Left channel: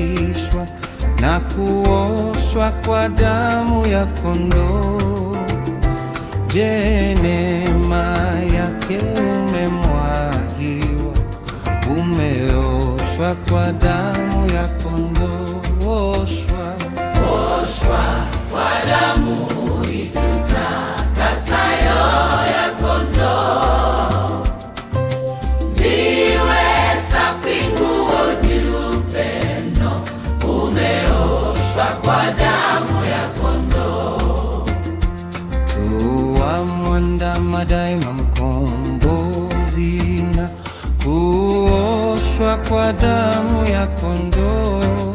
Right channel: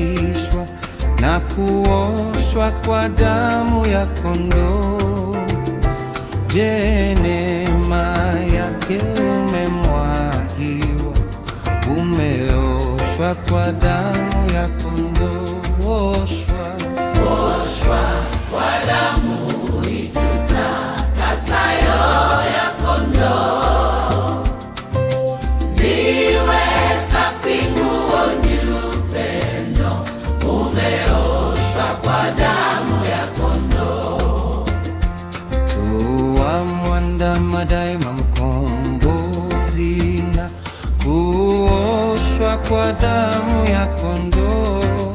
kusafishwa na kuoshwa kwa damu ya kondoo. Je, neema yake umemwagiwa, umeoshwa kwa damu ya kondoo. Oshwa kwa damu itutakasayo ya kondoo, ziwe safi nguo nyeupe mno, umeoshwa kwa damu ya kondoo. Tuamwandama daima mkombozi na kuoshwa kwa damu ya kondoo.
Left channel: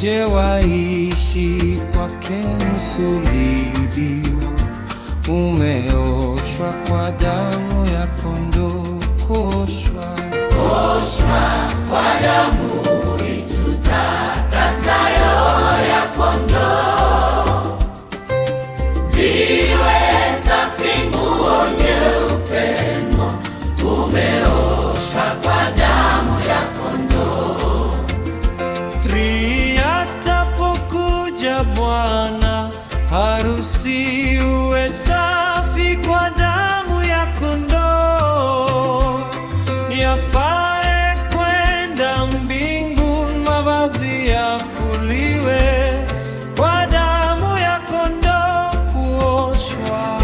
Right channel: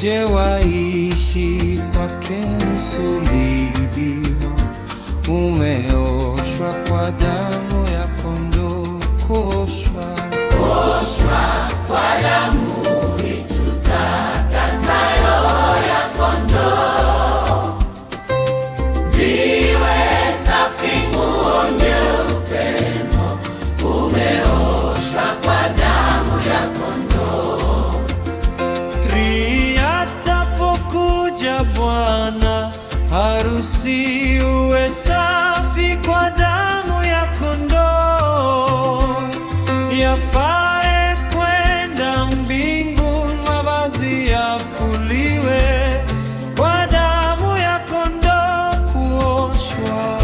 Je, waishi kwake msulubiwa, umeoshwa kwa damu ya kondoo. Kuoshwa kwa damu itutakasayo ya kondoo, ziwe safi nguo nyeupe mno, umeoshwa kwa damu ya kondoo. Atapokuja Bwana harusi, uwe safi kwa damu ya kondoo. Yafae kwenda mbinguni, mavazi yafuliwe kwa damu ya kondoo. Kuoshwa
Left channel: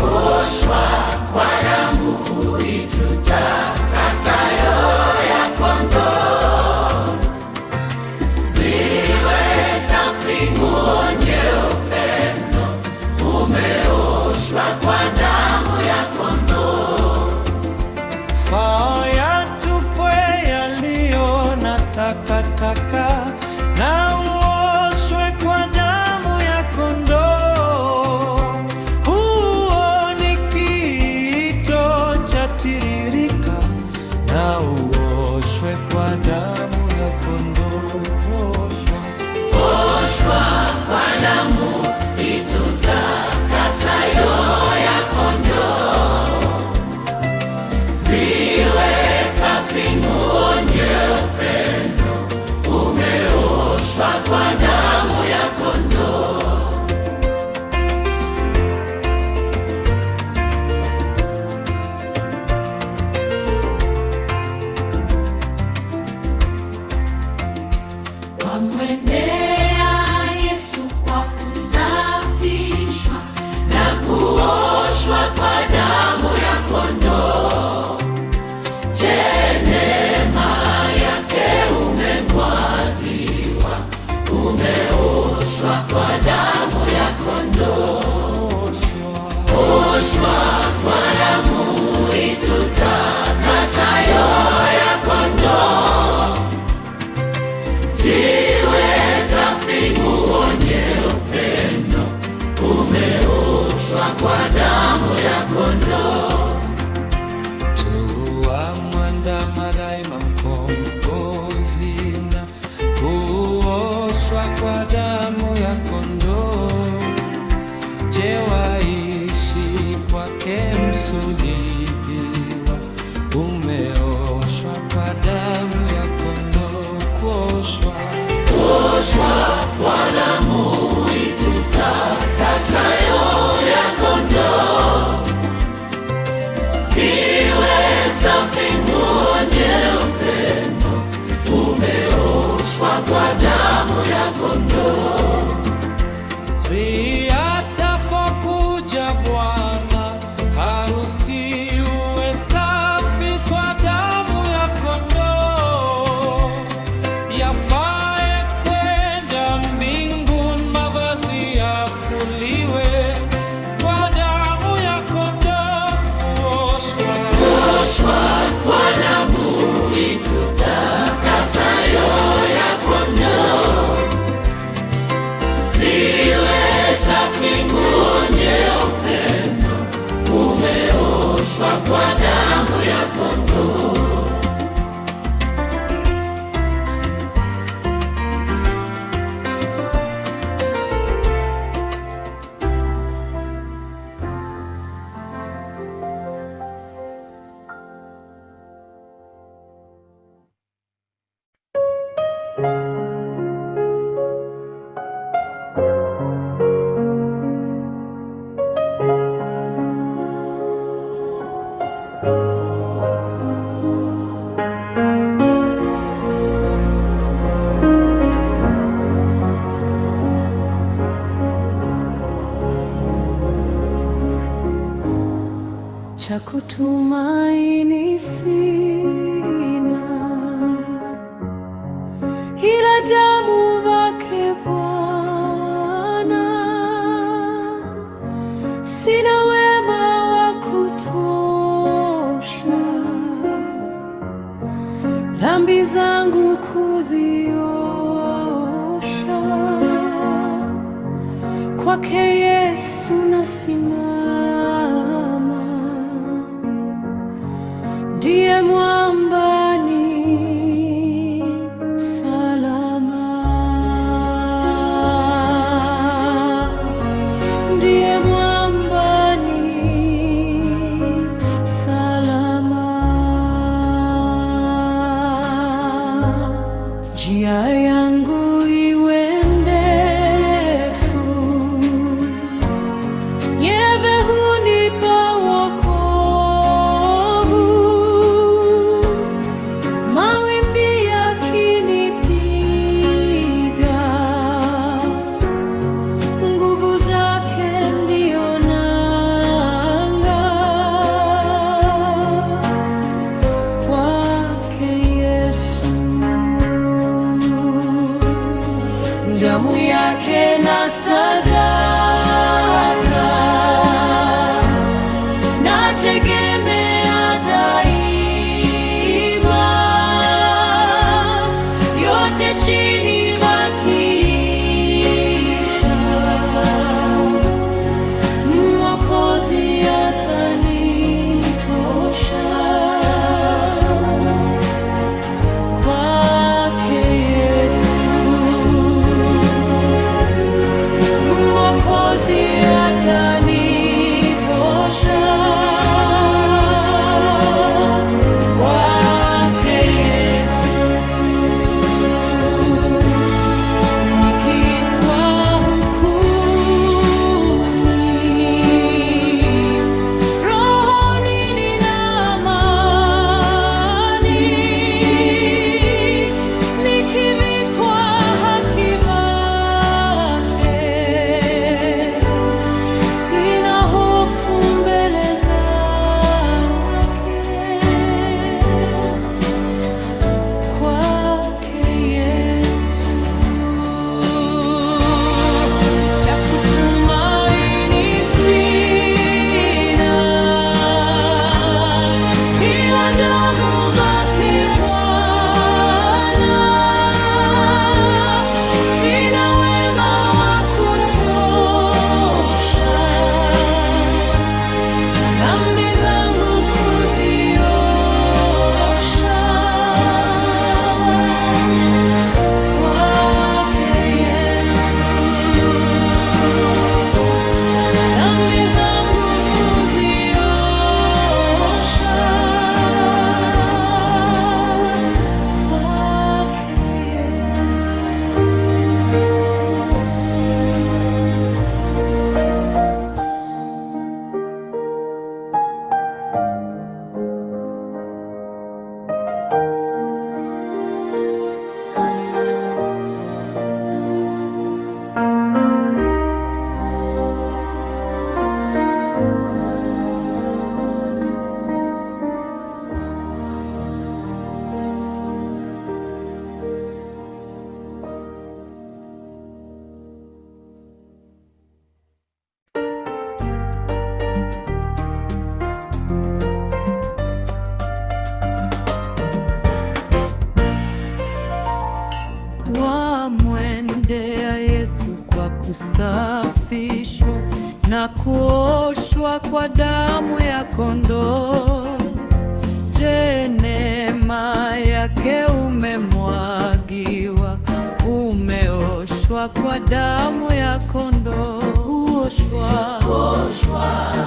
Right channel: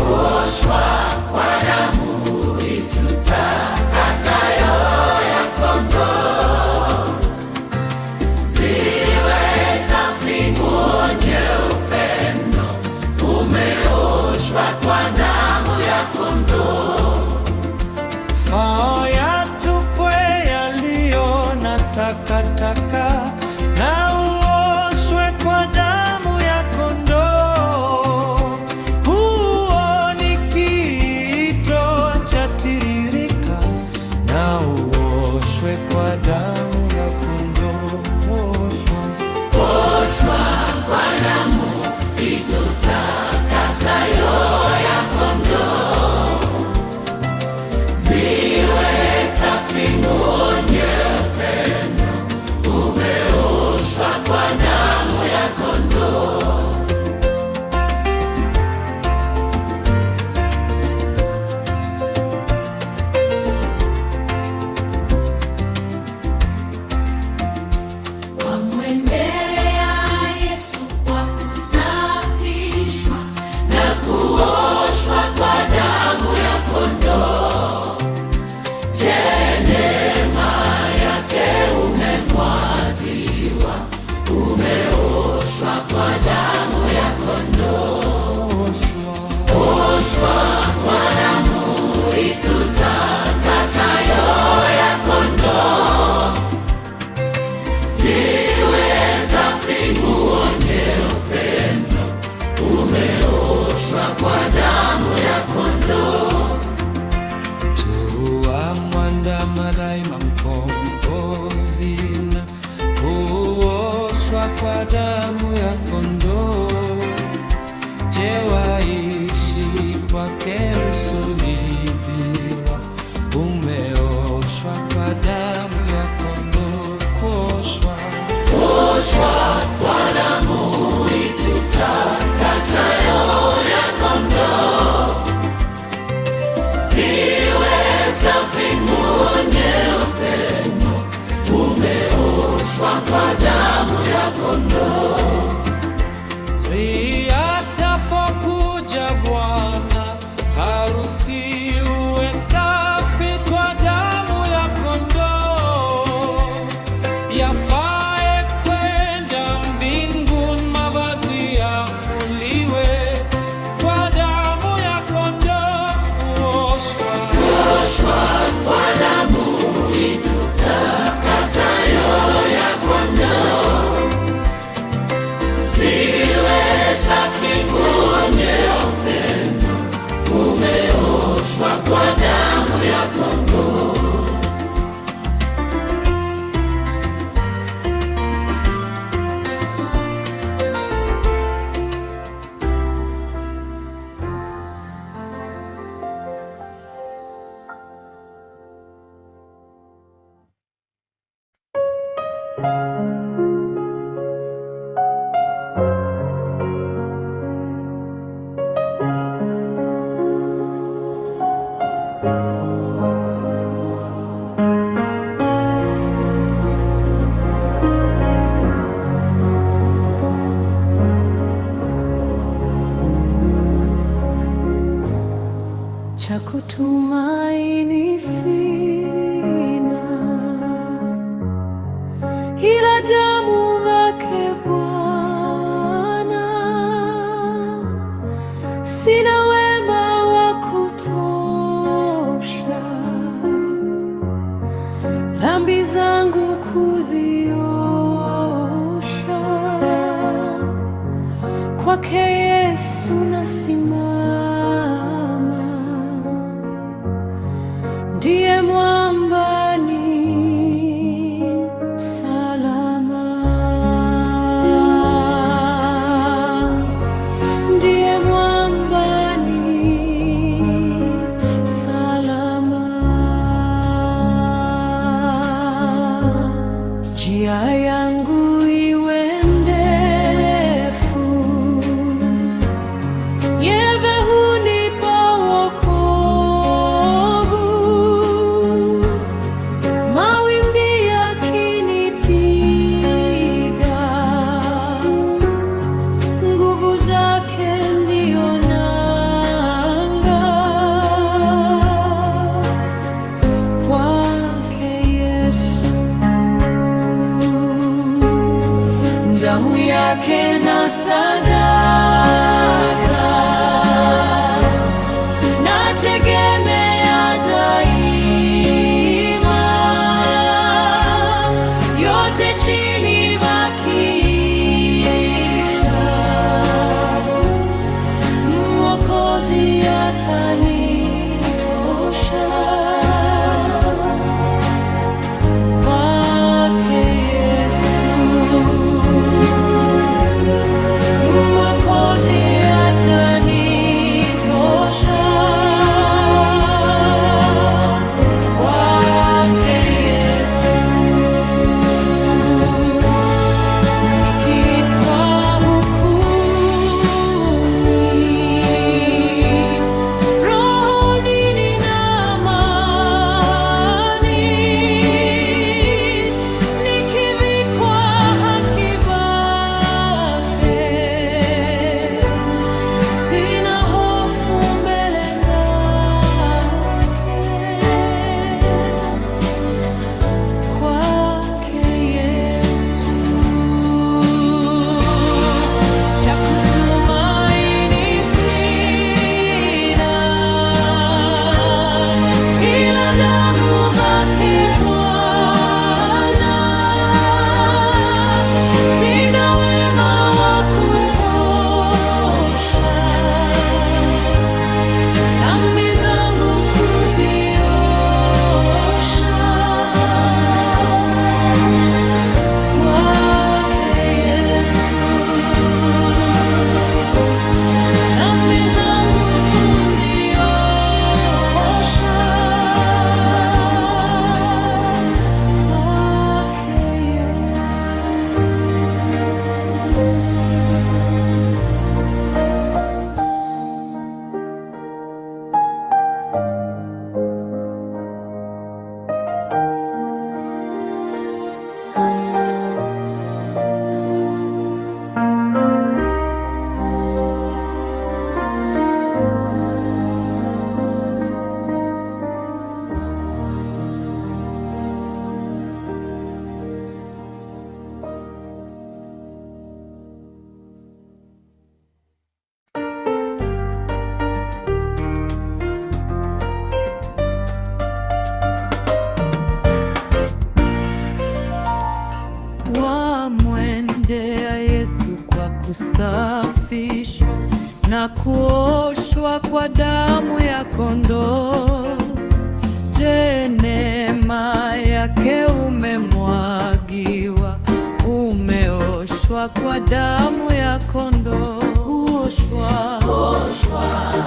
kwa damu itutakasayo ya kondoo, ziwe safi nguo nyeupe mno, umeoshwa kwa damu ya kondoo. Faa yatupwe yaliyo na takataka, na uoshwe kwa damu ya kondoo. Huo ni kiito cha tiririka, na uoshwe kwa damu ya kondoo. Oshwa kwa damu itutakasayo ya kondoo, ziwe safi nguo nyeupe mno, umeoshwa kwa damu ya kondoo. Wamwendea Yesu kwa kusafishwa na kuoshwa kwa damu ya kondoo. Je, neema yake umemwagiwa, umeoshwa kwa damu ya kondoo. Oshwa kwa damu itutakasayo ya kondoo, ziwe safi nguo nyeupe mno, umeoshwa kwa damu ya kondoo. Tuamwandama daima mkombozi na kuoshwa kwa damu ya kondoo. Je, waishi kwake msulubiwa, umeoshwa kwa damu ya kondoo. Kuoshwa kwa damu itutakasayo ya kondoo, ziwe safi nguo nyeupe mno, umeoshwa kwa damu ya kondoo. Atapokuja Bwana harusi, uwe safi kwa damu ya kondoo. Yafae kwenda mbinguni, mavazi yafuliwe kwa damu ya kondoo. Kuoshwa kwa damu itutakasayo ya kondoo, ziwe safi nguo nyeupe mno, umeoshwa kwa damu ya kondoo. cha kutumaini sina, ila damu yake Bwana. Sina wema wa kutosha dhambi zangu kuziosha, kwake Yesu nasimama, ndiye mwambani salama, ndiye mwambani salama. Njia yangu iwe ndefu, yeye hunipa wokovu. Mawimbi yakinipiga, nguvu zake ndio nanga. Kwake Yesu, damu yake na sadaka, nategemea daima. Yote chini makiisha, Mwokozi atanitosha. Kwake Yesu, Mwokozi atanitosha. Kwake Yesu, nikiitwa hukuni, rohoni nina amani. Nikivikwa haki zake, sina hofu mbele zake. Kwake Yesu, cha kutumaini sina, ila damu yake Bwana. Sina wema wa kutosha dhambi zangu kuziosha. Kwake Yesu, dhambi zangu kuziosha. Kwake Yesu. Wamwendea Yesu kwa kusafishwa na kuoshwa kwa damu ya kondoo. Je, neema yake umemwagiwa, umeoshwa kwa damu ya kondoo. Kuoshwa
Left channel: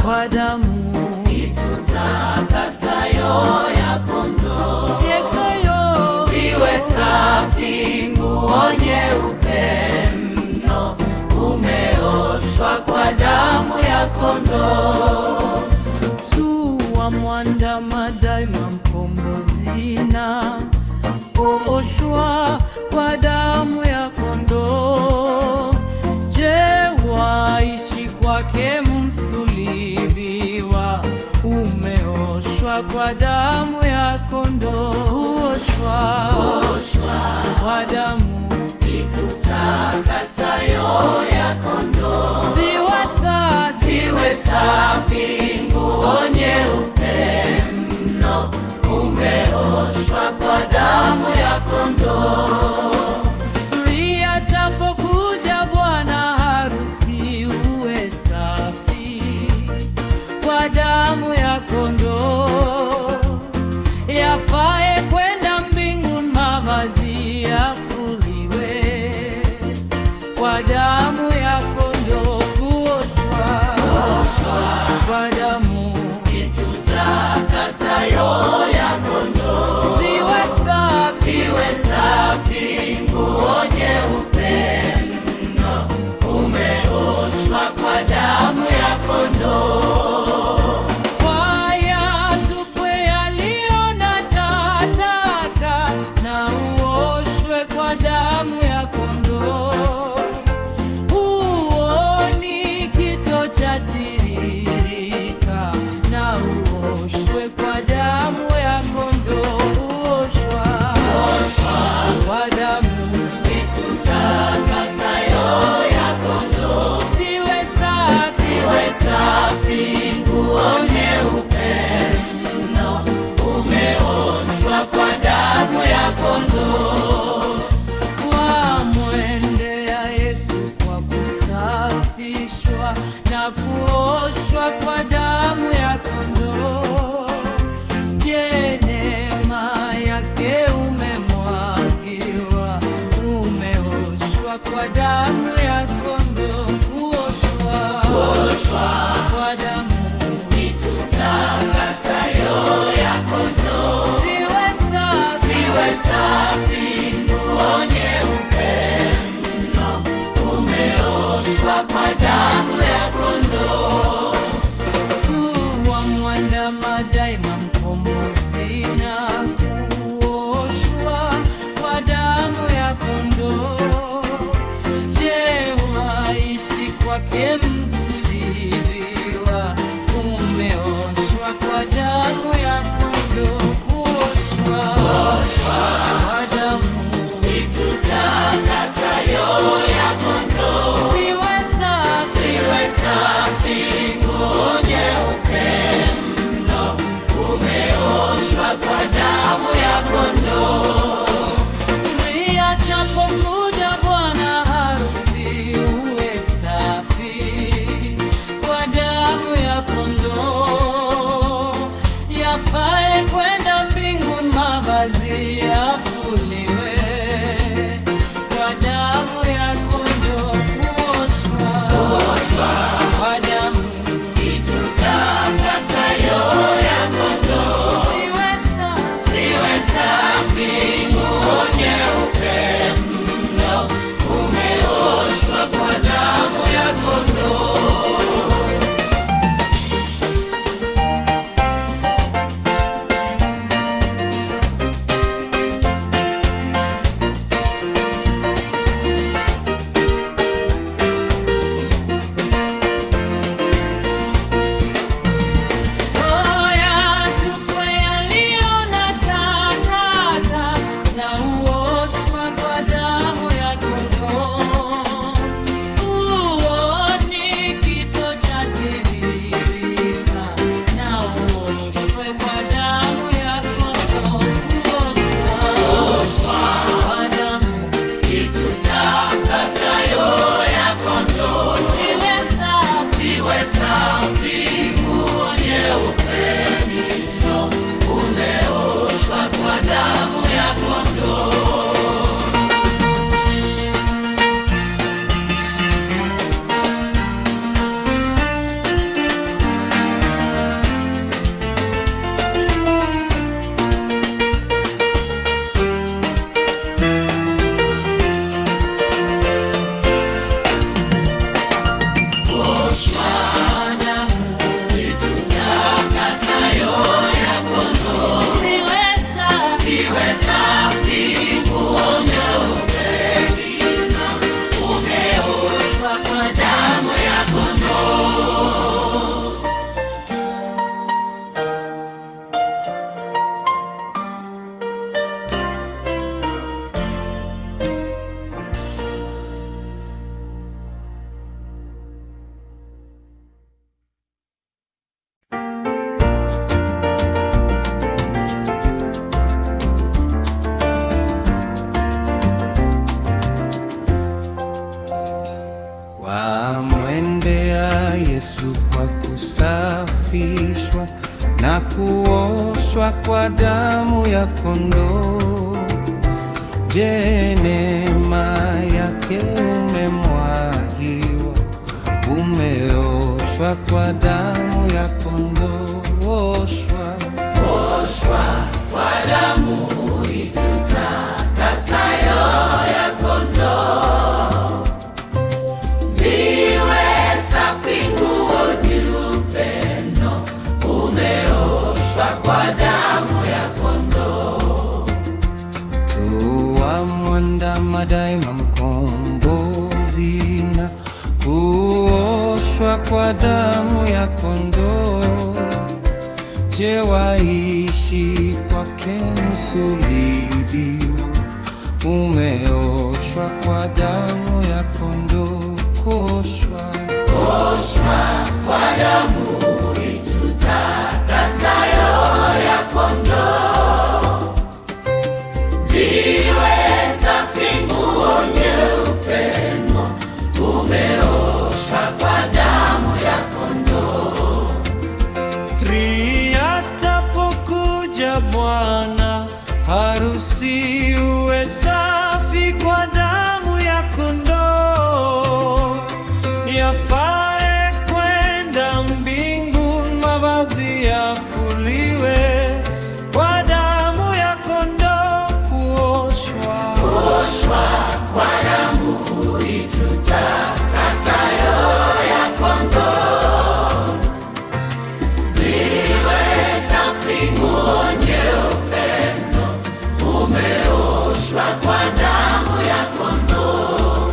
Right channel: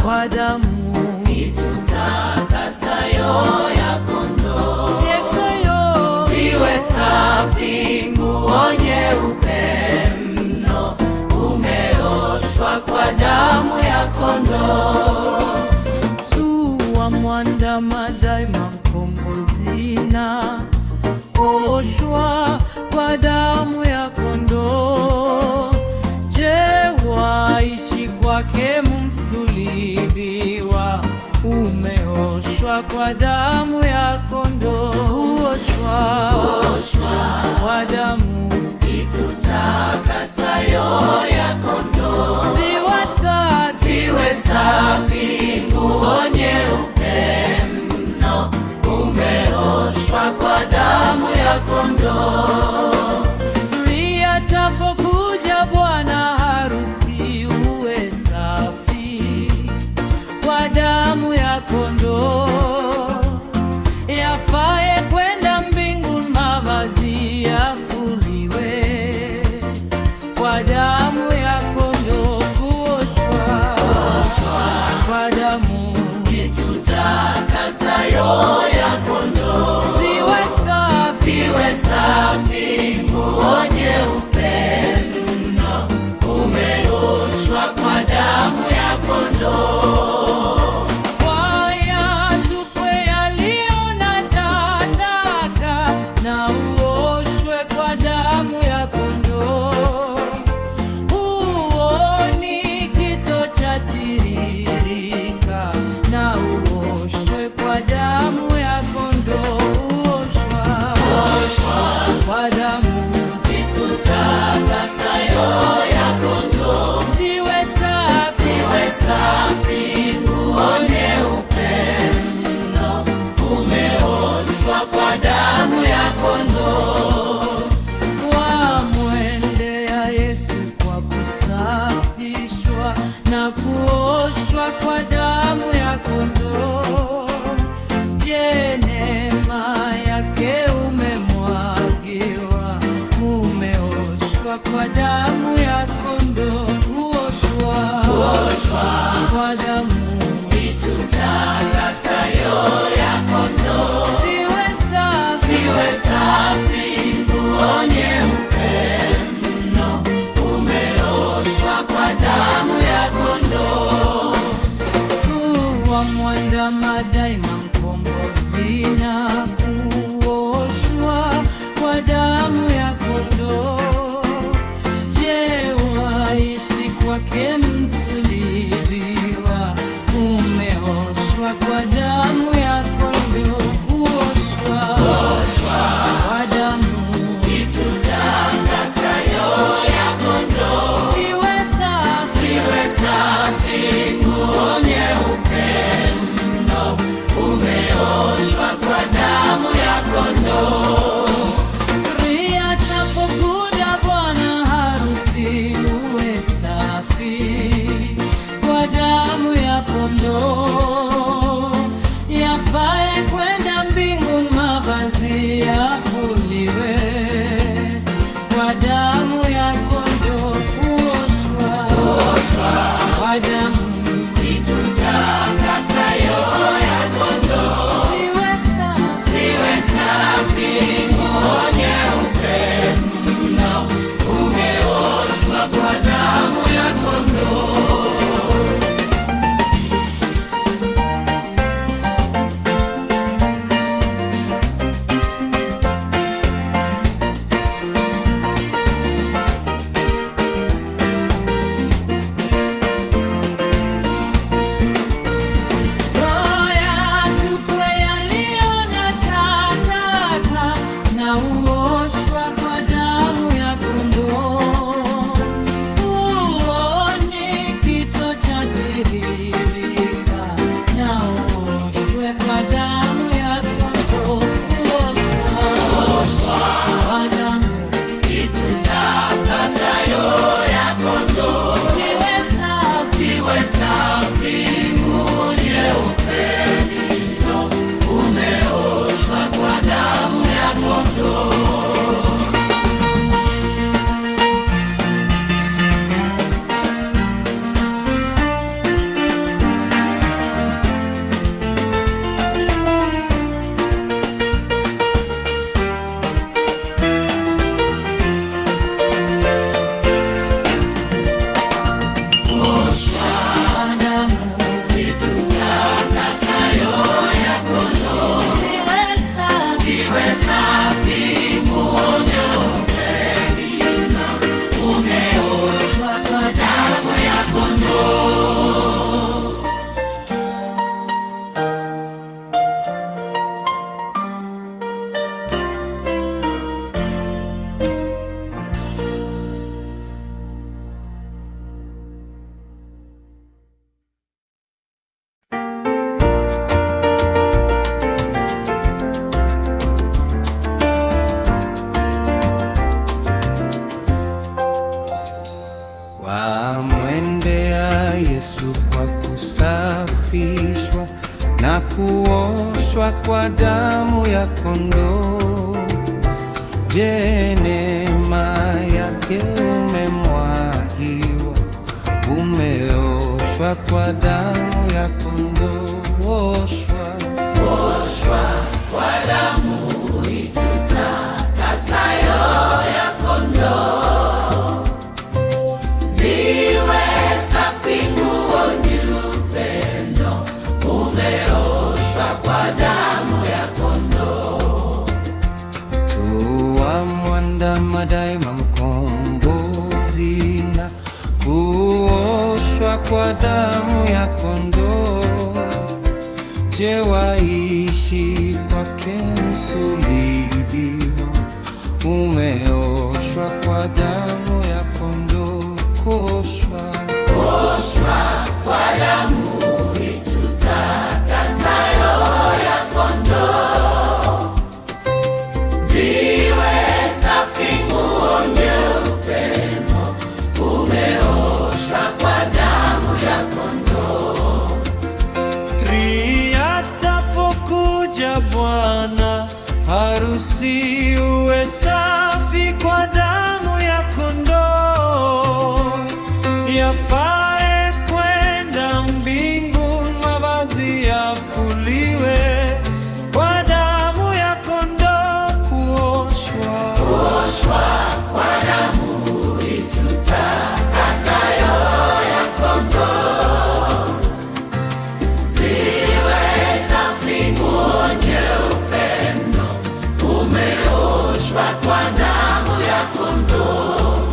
kwa damu itutakasayo ya kondoo. Yesayo siwe safi, nguo nyeupe mno, umeoshwa kwa damu ya kondoo. Tuwa mwandama daima mkombozi na kuoshwa kwa damu ya kondoo. Je, waishi kwake msulubiwa, ume Kuoshwa kwa damu ya kondoo, kuoshwa kwa damu itutakasayo ya kondoo. Ziwe safi nguo nyeupe mno, umeoshwa kwa damu ya kondoo. Atapokuja bwana harusi, uwe safi kwa damu ya kondoo. Yafae kwenda mbinguni, mavazi yafuliwe kwa damu ya kondoo. Kuoshwa kwa damu itutakasayo ya kondoo. Ziwe safi nguo nyeupe mno, umeoshwa kwa damu ya kondoo. Kwaya tupwe yaliyo na takataka, na uoshwe kwa damu ya kondoo. Huoni kito cha tiririka, na uoshwe kwa damu ya kondoo. Uoshwa kwa damu itutakasayo ya kondoo. Ziwe safi nguo nyeupe mno, umeoshwa kwa damu ya kondoo. Wamwendea Yesu kwa kusafishwa na kuoshwa kwa damu ya kondoo. Je, neema yake umemwagiwa, umeoshwa kwa damu ya kondoo. Kuoshwa kwa damu itutakasayo ya kondoo. Ziwe safi nguo nyeupe mno, umeoshwa kwa damu ya kondoo. Wamwandama daima mkombozi, na kuoshwa kwa damu ya kondoo. Je, waishi kwake msulubiwa, umeoshwa kwa damu ya kondoo. Kuoshwa kwa damu itutakasayo ya kondoo. Ziwe safi nguo nyeupe mno, umeoshwa kwa damu ya kondoo. Atapokuja bwana harusi, uwe safi kwa damu ya kondoo. Yafae kwenda mbinguni, mavazi yafuliwe kwa damu ya kondoo. Kuoshwa kwa damu itutakasayo ya kondoo. Ziwe safi nguo nyeupe mno, umeoshwa kwa damu ya kondoo. na uoshwa kwa damu ya kondoo. umeoshwa kwa damu ya kondoo. Je, neema yake umemwagiwa, umeoshwa kwa damu ya kondoo. Oshwa kwa damu itutakasayo ya kondoo, ziwe safi nguo nyeupe mno, umeoshwa kwa damu ya kondoo. Tuwamwandama daima mkombozi na kuoshwa kwa damu ya kondoo. Je, waishi kwake msulubiwa, umeoshwa kwa damu ya kondoo. Kuoshwa kwa damu itutakasayo ya kondoo, ziwe safi nguo nyeupe mno, umeoshwa kwa damu ya kondoo. Atapokuja Bwana harusi, uwe safi kwa damu ya kondoo. Yafae kwenda mbinguni, mavazi yafuliwe kwa damu ya kondoo. Kuoshwa kwa damu itutakasayo ya kondoo, ziwe safi nguo nyeupe mno, umeoshwa kwa damu ya kondoo.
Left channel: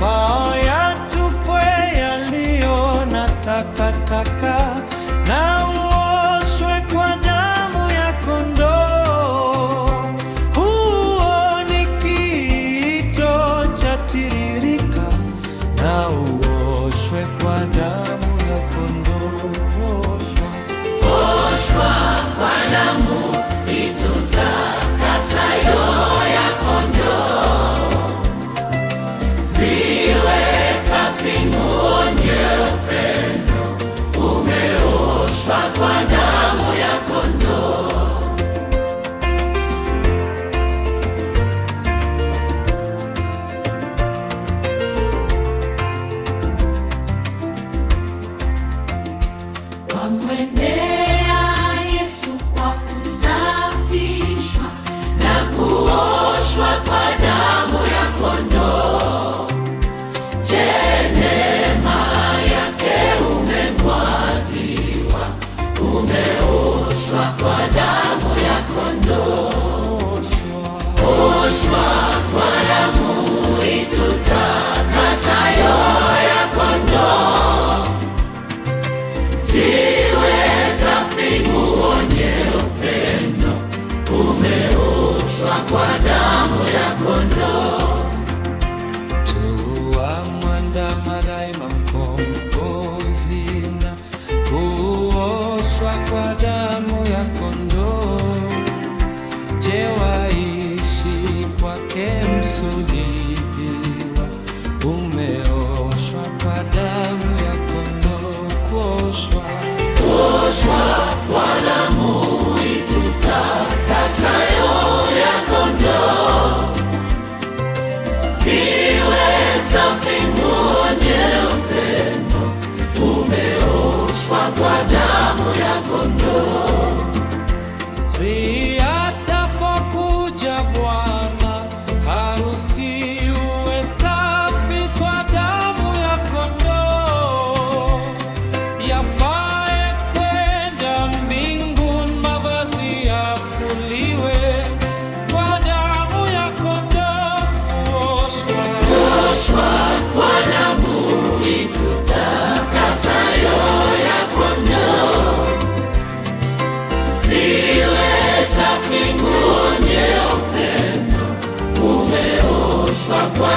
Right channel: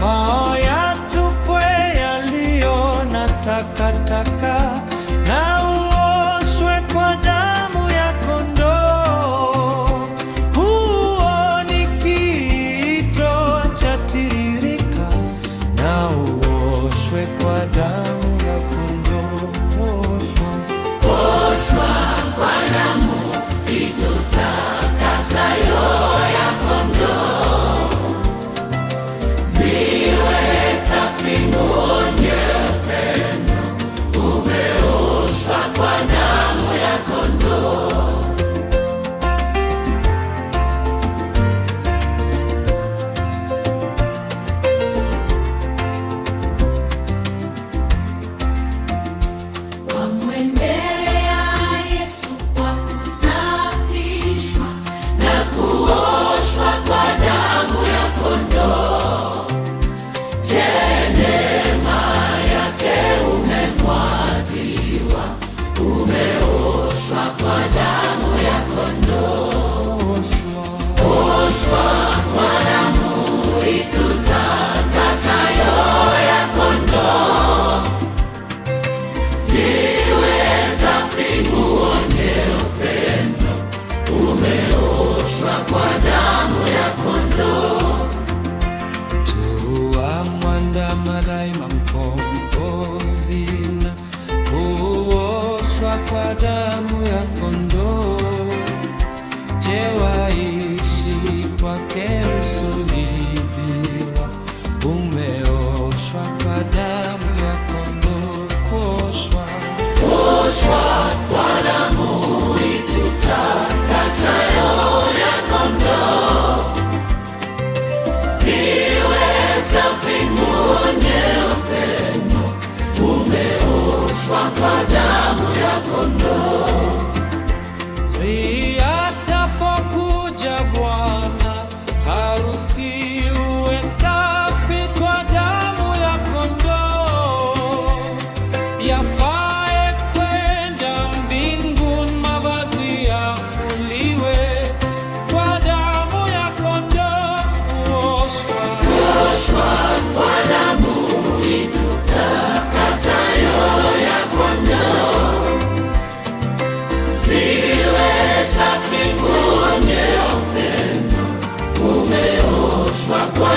Faa yatupwe yaliyo na takataka, na uoshwe kwa damu ya kondoo. Huo ni kiito cha tiririka, na uoshwe kwa damu ya kondoo. Oshwa kwa damu itutakasayo ya kondoo, ziwe safi nguo nyeupe mno, umeoshwa kwa damu ya kondoo. Wamwendea Yesu kwa kusafishwa na kuoshwa kwa damu ya kondoo. Je, neema yake umemwagiwa, umeoshwa kwa damu ya kondoo. Oshwa kwa damu itutakasayo ya kondoo, ziwe safi nguo nyeupe mno, umeoshwa kwa damu ya kondoo. Tuwamwandama daima mkombozi na kuoshwa kwa damu ya kondoo. Je, waishi kwake msulubiwa, umeoshwa kwa damu ya kondoo. Kuoshwa kwa damu itutakasayo ya kondoo, ziwe safi nguo nyeupe mno, umeoshwa kwa damu ya kondoo. Atapokuja Bwana harusi, uwe safi kwa damu ya kondoo. Yafae kwenda mbinguni, mavazi yafuliwe kwa damu ya kondoo. Kuoshwa kwa damu itutakasayo ya kondoo, ziwe safi nguo nyeupe mno, umeoshwa kwa